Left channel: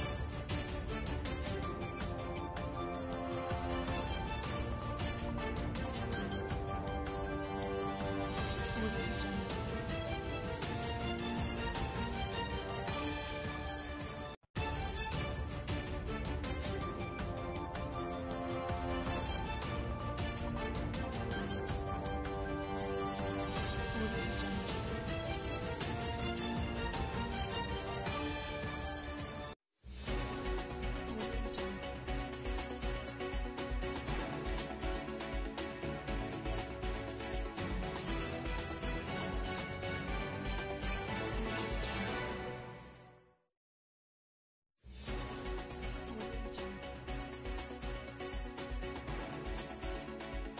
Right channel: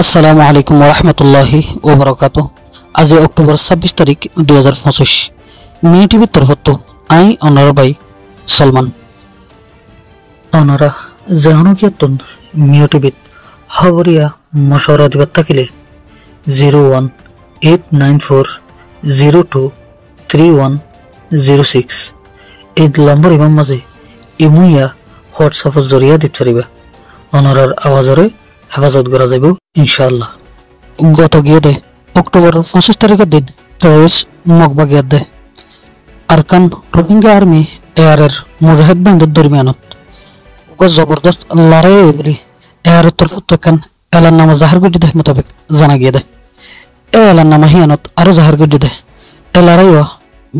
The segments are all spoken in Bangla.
আসসালামু আলাইকুম ওয়া রাহমাতুল্লাহি ওয়া বারাকাতুহু। আজ অক্টোবর 26 তারিখ 2025 মিনি টিভির তরফত আই অনার ভাই সলমান অনারা জাহানুকিয়াতুন মিও টিভিত খবরিয়া মশওয়ারা দিবাত থাকিলে 01894023106 এই নম্বর ইমাম মাঝে ইমুইয়া হোয়াটসঅ্যাপের জরিয়া দিতে পারিবা। অনারার আওয়াজরে হেফাজত করা যাইব ইনশাআল্লাহ। গত গিয়ে দে অক্টোবর 25 তারিখের দিন টেররিস্ট মকবা গিয়ে দে আরকান রোহিঙ্গা আর্মি এয়ারের মুজাহিদ বাহিনীর দরমিয়ানত জবরদস্ত লড়াই বলি এয়ারের তরফত এখান এলার নামা জাহার গুজি দেহ মোতাবেক জানা গিয়ে দে এলার নামা হিয়ানত আরো জাহার গুজি দে এ লড়াইও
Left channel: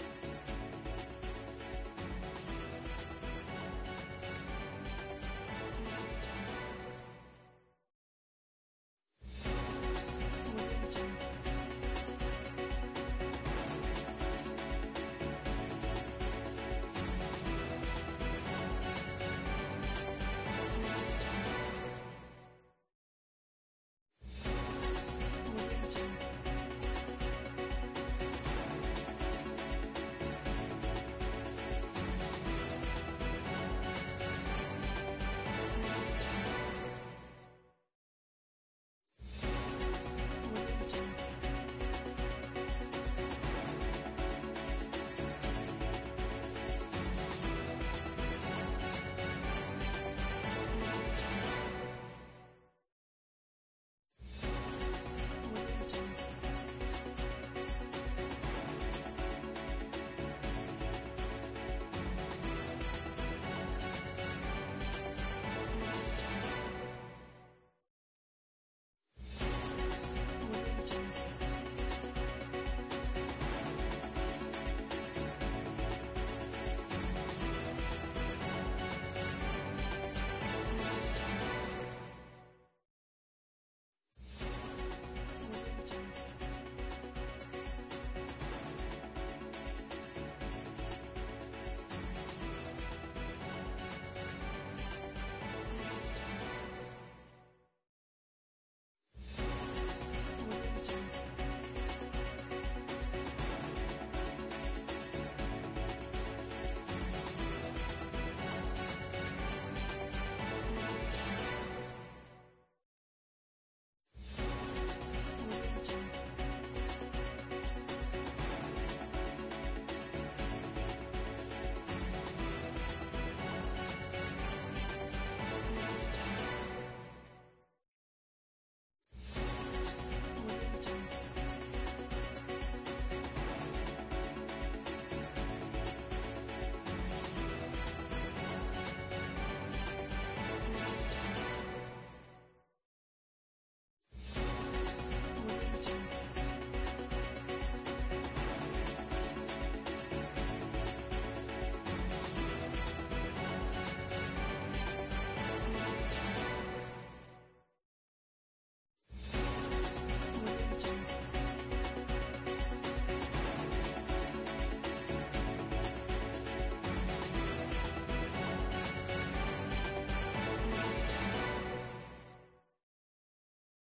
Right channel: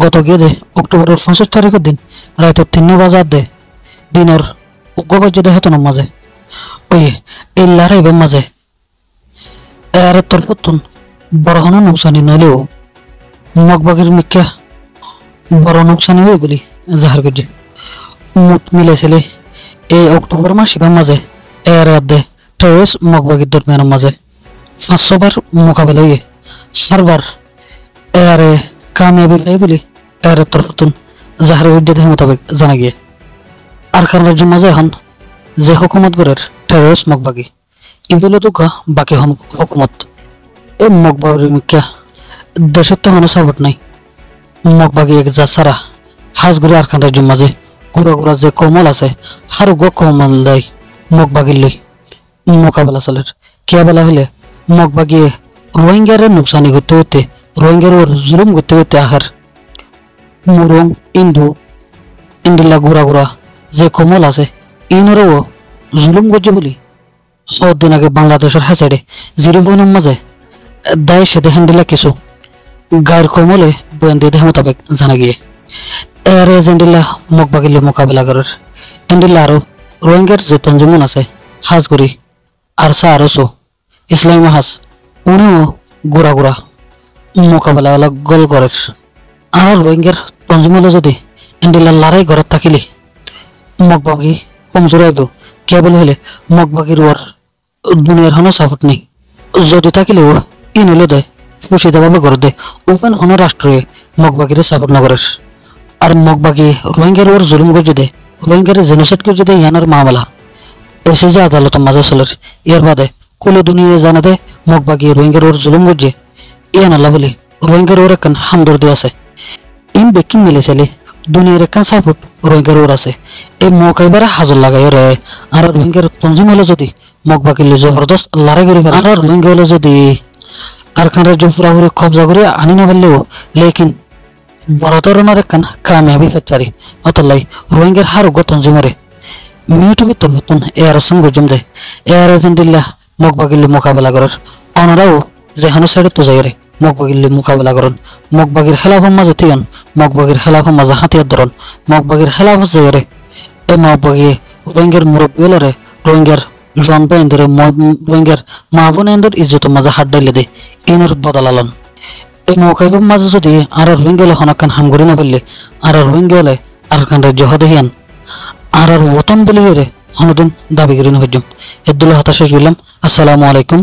গত গিয়ে দে অক্টোবরের 25 তারিখের দিন রাতে 3 বাজার দে দিনের উগ্রবাজ্য দেহতন মাঝে ওই এই লড়াইবের মাঝে এয়ারের তরফতুন বড় হন নুকসানি নইলেও মগবাগির মিক্কা বড় নুকসানি হয়ে বলি জাহার গুজি মুট মিলেছিলে এই অক্টোবর মাসিবার মাঝে এয়ার দে টেররিস্ট মগবাগির দরমিয়ানের মাঝে 500 বার মোকাবেলা হয়ে সারবার এয়ারে কামিয়াবি পাই বলি এয়ারের তরফতুন জাহার গুজি দেহ মোতাবেক জানা গিয়ে আরকান রাজ্যের মাঝে এখন যে হুকুমত গড়ের টেররিস্ট মগবাগি ইগুলো তো বাকি হুকুমত এই মগবাগির মিক্কা দেশের তো কোনো সাপোর্ট নাই। মগবাগি এক যা সারা হাজগুড়ি আরকান রাজ্যের মাঝে ঘুরা ঘুরা যে কমল আছে হার গো কমল দেয় মগবাগির লই মোকাবেলা চলের কিয়া বেলা হইলে মগবাগিয়ে রোহিঙ্গার নুকসানি করতে করতে রোহিঙ্গার ওর জুলুম করতে করতে আহার মুরং ইন্দিল্লা ঘুরা ঘুরা যে কমল আছে ইনরও জুলুম করছে বলি দিন আগে বাংলাদেশের হাসাইডে জিরো বনের মাঝে দায় সেদে হ্যান্ডিলা কিছু গায়ের কমলে বয়ান দিয়ে দেহ মোতাবেক জানা গিয়ে এর এজেন্ডিল্লা মগবাগিলে মোকাবেলা করার এন্ডিল্লা আরো রোহিঙ্গার যে তঞ্জমন আছে হাজগুড়ি আরসা আরসো ইসলামী হাজ উনিও গোড়া গোড়া মোকাবেলা গল করার আর রোহিঙ্গার তঞ্জমলে যদি এন্ডিল্লা লড়াই ঘরত থাকিলে মগবাগি কমজোর আইব কেবল হলে মগবাগির ওর দুনিয়ার হনো সাপোর্ট নেই যদি থাকিলেও ইন হলে দেয় ফুসিদাভাবে করে দেয় ওপেন হনো রাষ্ট্রে মগবাগির সাপোর্ট নগরের আর মগবাগি রোহিঙ্গার ওর জুলুম গজে দেয় রোহিঙ্গার জেনোসাইড গজে দেয় ইয়ানার মামলা এসে যে আদালত মাঝে চলের ইয়ার বাদে কোলে দুনিয়া জানা দেয় মগবাগি রোহিঙ্গার ওর জুলুম গজে ইয়ান আল্লাহ বলি রোহিঙ্গার ওর একখান হামদর্দি আছে ইন বেকিং মিলেছিলে দুনিয়ার একখান সাপোর্ট রোহিঙ্গার ওর আছে এই মৌকাইবার হাজর লাগাই রে আর রোহিঙ্গার তঞ্জিম হলে যদি মগবাগিলে জবরদস্ত লড়াই করি আর রোহিঙ্গা হলে যদি আরকান রাজ্য পুরাপুরি কবজা করে আনি না পারলেও লেকিন বড় ধরনের একখান কামিয়াবি ফেচারি অতলাই রোহিঙ্গার হার উগ্র তঞ্জিমরে মিউটিভি তরফতুন এয়ার সঙ্গ জম দেয় এয়ার এজেন্ডিল্লা মগবাগিলে মোকাবেলা করার অনারাও যেখানে সাইডে তো যাই রে মগবাগিলে মোকাবেলা করেন মগবাগির খেলাফের মাঝে তিয়ন মগবাগির খেলাফের মাঝে হাতিয়ার ধরন মগবাগির খেলাফ যাই রে এই মগবাগি রোহিঙ্গার মুরব্বী হলে রে রোহিঙ্গার জন বাইন্দর রোহিঙ্গার মা বোনের ইজ্জত মাঝে হাত ডাইলে দে ইনর বদলালন এই মৌকাইবের মাঝে যদি আর রোহিঙ্গা হলে হনকান হামগরি না ফেললে আর রোহিঙ্গা হলে আরকান রাজ্য হদেহিয়ান আর ওতন বলি রে হনদিন দাবি করি না ভেজম এদুল্লাহ হতাশ গেলাম। আসসালামু আলাইকুম।